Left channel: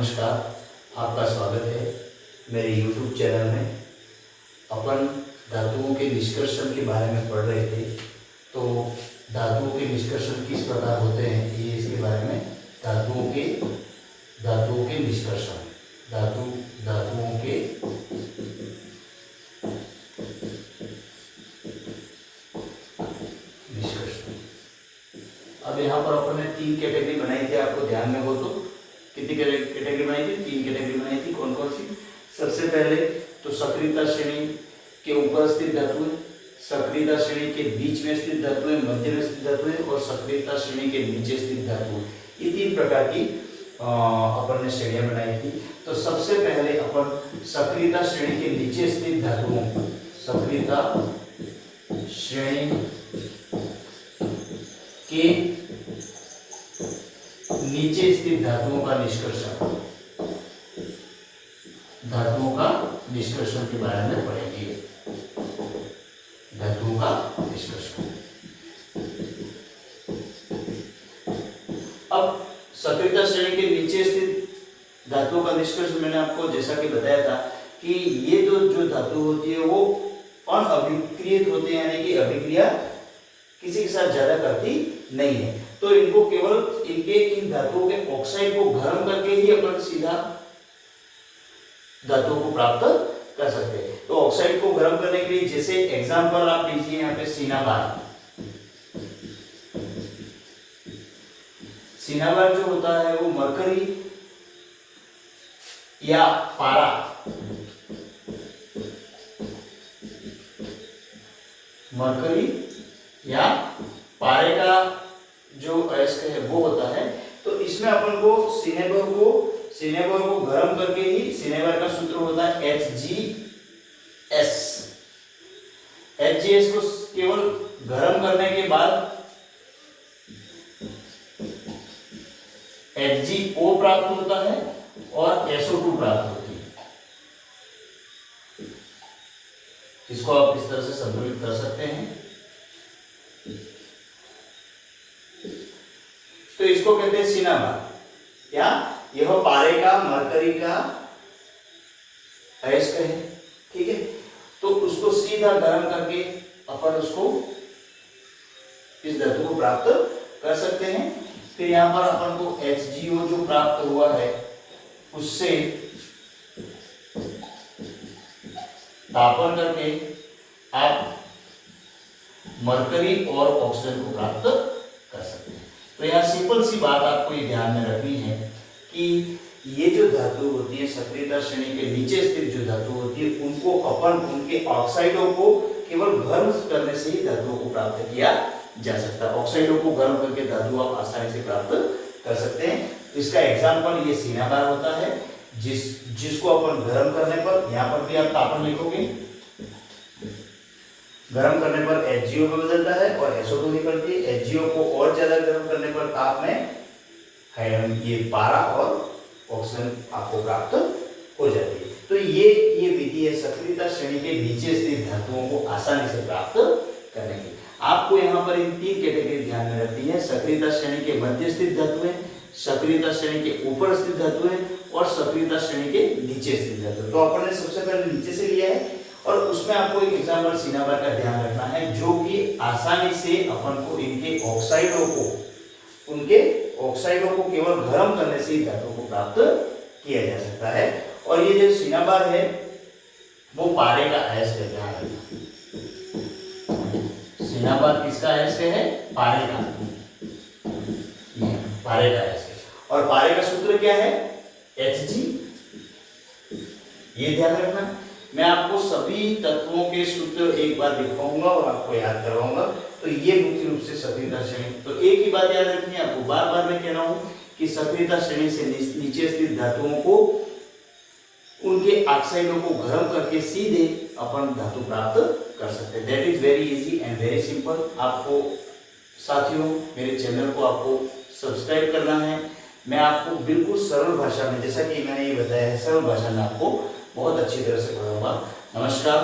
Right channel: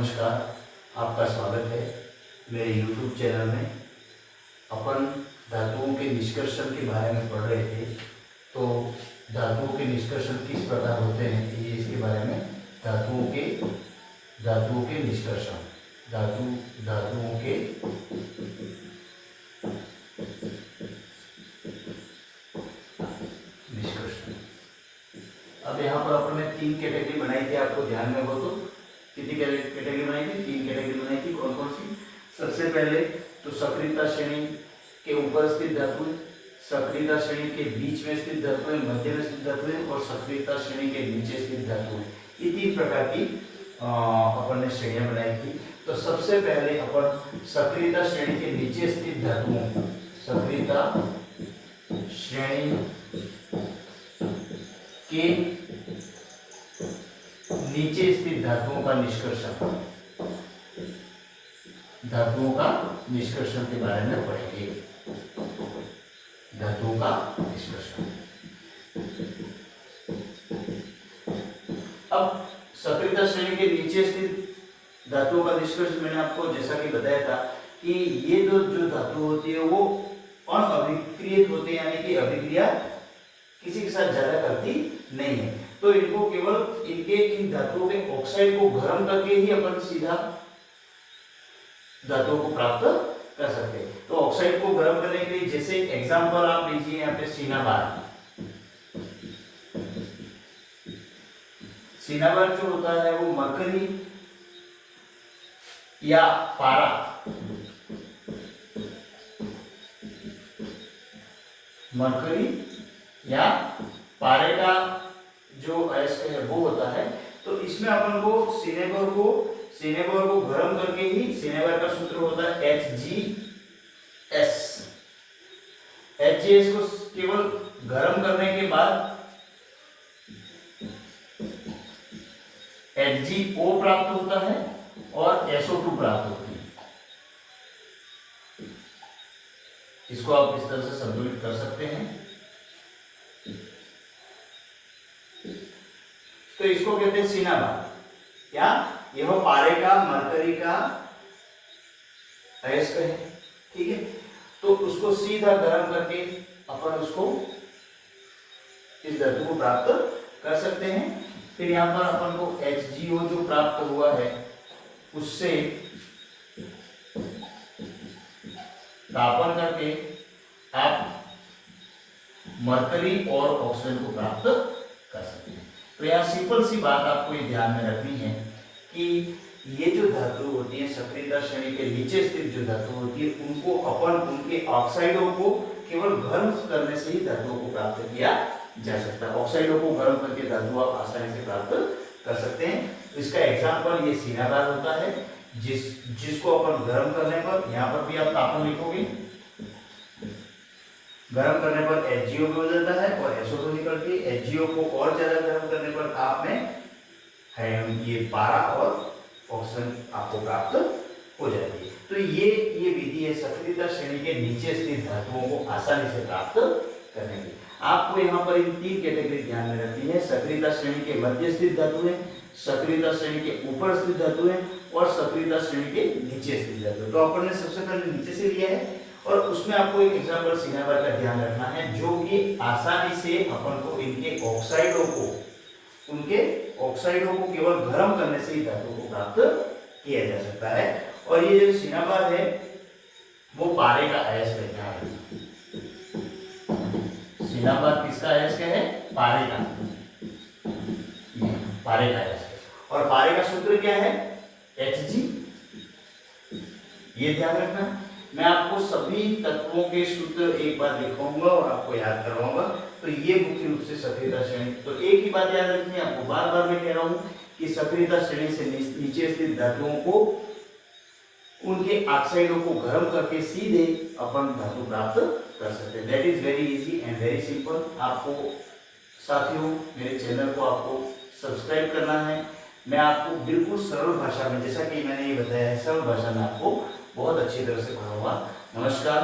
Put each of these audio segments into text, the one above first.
नमस्कार, आपका स्वागत है मेरे YouTube चैनल में। अपन धातुओं के निष्कर्षण के बारे में पढ़ रहे थे, तो धातुओं के निष्कर्षण किस प्रकार होते हैं ये इसके बारे में धातुओं के निष्कर्षण धातुओं के निष्कर्षण। अब यहाँ पर अपन ने 3 कैटेगरी बनाई थी, आपको ध्यान में हो तो कितनी कैटेगरी बनाई थी? 3 कैटेगरी बनाई थी। कौन कौन सी? सबसे पहले तो सक्रियता श्रेणी के ऊपर स्थित धातुएं, सक्रियता श्रेणी के बीच में स्थित धातुएं, मध्य में स्थित धातुएं और सक्रियता श्रेणी के नीचे स्थित धातुएं। ये 3 प्रकार की अपन ने श्रेणियां बनाई थी। तो सबसे पहले अपन सक्रियता श्रेणी के नीचे स्थित धातुओं, सक्रियता श्रेणी के नीचे स्थित धातुओं का निष्कर्षण के बारे में पढ़ेंगे। धातुओं का निष्कर्षण। अब सक्रियता श्रेणी के नीचे स्थित धातुओं का निष्कर्षण मैंने आपको जैसा कि बताया था कि ये जो धातु होती है वो अनअभिक्रियित होते हैं, यानी कि अभिक्रिया किसी के साथ ज्यादा करती नहीं है। तो इनको केवल इन धातुओं के ऑक्साइड को गर्म करके ही अपन सीधा धातुओं को प्राप्त कर सकते हैं। तो ऑक्साइड को गर्म करने के लिए जैसे एग्जांपल आप लीजिए यहाँ पे सिनाबार जो होता है वो मरकरी या पारा, मरकरी या पारे का जो अयस्क है वो होता है। तो इसमें अपन को सिनेबर को गर्म करके ही, सिनेबर का सूत्र होता है HgS। HgS को केवल गर्म करने के बाद HgO प्राप्त होता है और SO2 प्राप्त होती है। इसको आप इस तरह से संतुलित कर सकते हैं। तो इसको कहते हैं सिनाबार, या यह पारे का, मरकरी का अयस्क है, ठीक है। तो उसको सीधा गर्म करके अपन उसको इस धातु को प्राप्त कर सकते हैं। फिर यहां पर अपन को HgO जो प्राप्त हुआ है उससे तापन करके आप मरकरी और ऑक्सीजन को प्राप्त कर सकते हैं। तो यहाँ सिंपल सी बात आपको ये ध्यान में रखनी है कि ये जो धातु होती है सक्रियता श्रेणी के नीचे स्थित जो धातु होती है उनको अपन उनके ऑक्साइडों को केवल गर्म करने से ही धातुओं को प्राप्त किया जा सकता है। ऑक्साइडों को गर्म करके धातु आसानी से प्राप्त कर सकते हैं। इसका एग्जाम्पल ये सिनाबार होता है, जिसको अपन गर्म करने पर, यहाँ पर भी आप तापन लिखोगे, गर्म करने पर HgO में बदलता है और SO2 निकलती है। HgO को और ज्यादा गर्म करने पर ताप में ये पारा और ऑक्सीजन आपको प्राप्त हो जाती है। तो ये विधि है सक्रियता श्रेणी के नीचे स्थित धातुओं को आसानी से प्राप्त करने की। आपको यहाँ पर इन 3 कैटेगरी ध्यान में रखती है। सक्रियता श्रेणी के मध्य स्थित धातुएं, सक्रियता श्रेणी के ऊपर स्थित धातुएं और सक्रियता श्रेणी के नीचे स्थित धातुएं। तो अपन ने सबसे पहले नीचे से लिया है और उसमें आपको एक एग्जांपल सिनाबार का ध्यान रखना है, जो कि आसानी से अपन को इनके ऑक्साइडों को केवल गर्म करने से ही धातु को प्राप्त किया जा सकता है। और ये जो सिनाबार है वो पारे का अयस्क है। ध्यान रखना, सिनाबार किसका अयस्क है? पारे का, पारे का अयस्क। और पारे का सूत्र क्या है? Hg। ये ध्यान रखना। मैं आपको सभी तत्वों के सूत्र एक बार लिखवाऊंगा और आपको याद करवाऊंगा। तो ये मुख्य रूप से सक्रियता श्रेणी। तो एक ही बात याद रखनी है आपको, बार बार मैं कह रहा हूं कि सक्रियता श्रेणी से नीचे स्थित धातुओं को उनके ऑक्साइडों को गर्म करके सीधे अपन धातु प्राप्त कर सकते हैं। That is very easy and very simple. आपको साथियों मेरे चैनल को आपको सब्सक्राइब करना है। मैं आपको बिल्कुल सरल भाषा में, जैसा कि मैंने ये बताया है, सरल भाषा में आपको बहुत अच्छी तरह से पढ़ाऊंगा। नमस्कार,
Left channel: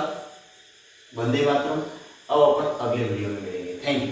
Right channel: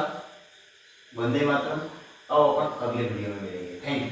वंदे मातरम। अब अपन अगले वीडियो में मिलेंगे। Thank you.